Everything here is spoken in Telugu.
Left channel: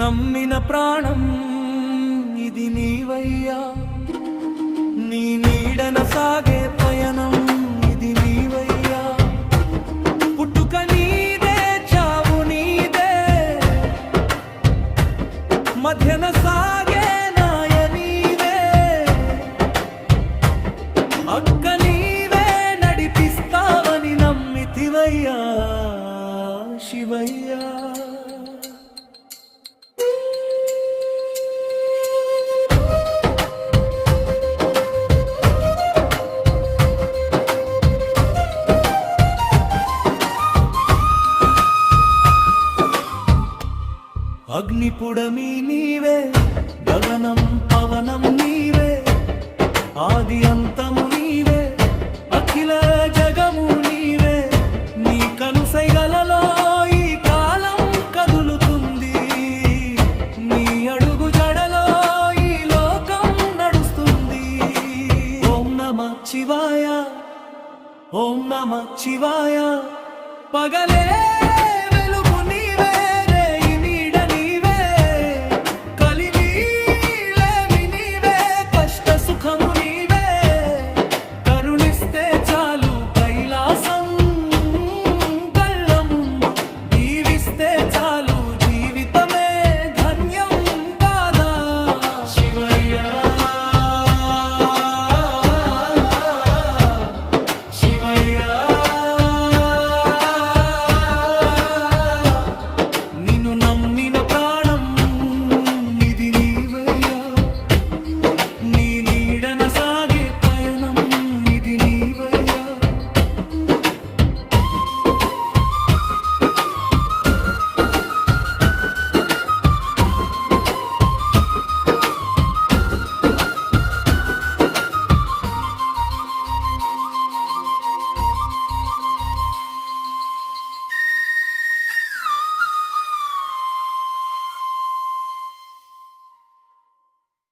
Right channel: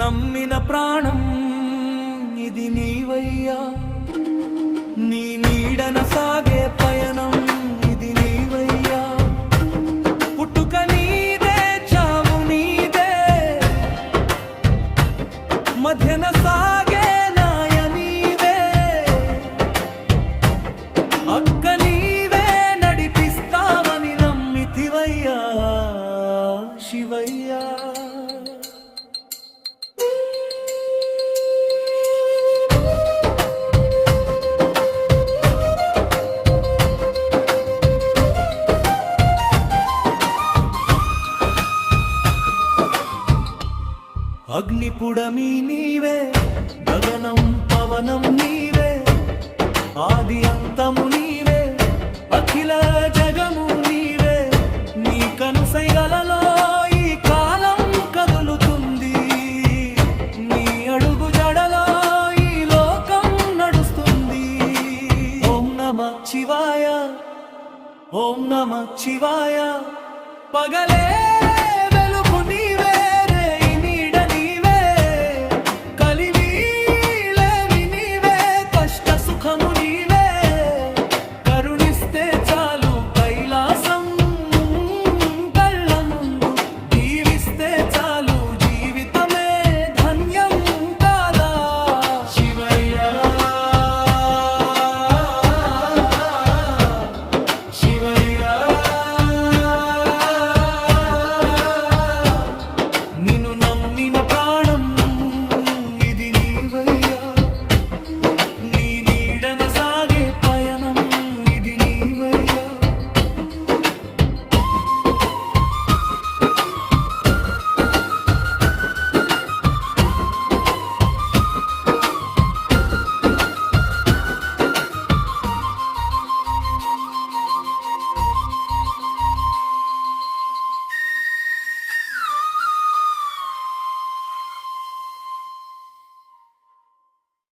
నమ్మిన ప్రాణం ఇది నీవయ్యా, నీ నీడన సాగే పయనం ఇది నీవయ్యా. పుట్టుక నీదే, చావు నీదే, మధ్యన సాగే నాయ నీవే. అక్క నీవే నడిపిస్తావని నమ్మితివయ్యా శివయ్యా. అగ్నిపుడమి నీవే, గగనం పవనం నీవే, ఆది అంతము నీవే, అఖిల జగము నీవే. నీ కనుసైగలలో ఈ కాలం కదులుతుంది, నీ అడుగు జడలో ఈ లోకం నడుస్తుంది. ఓం నమః శివాయ, ఓం నమః శివాయ. పగలే వెలుగు నీవే, రేయి నీడ నీవే, కలిమి లేమి నీవే, కష్ట సుఖము నీవే.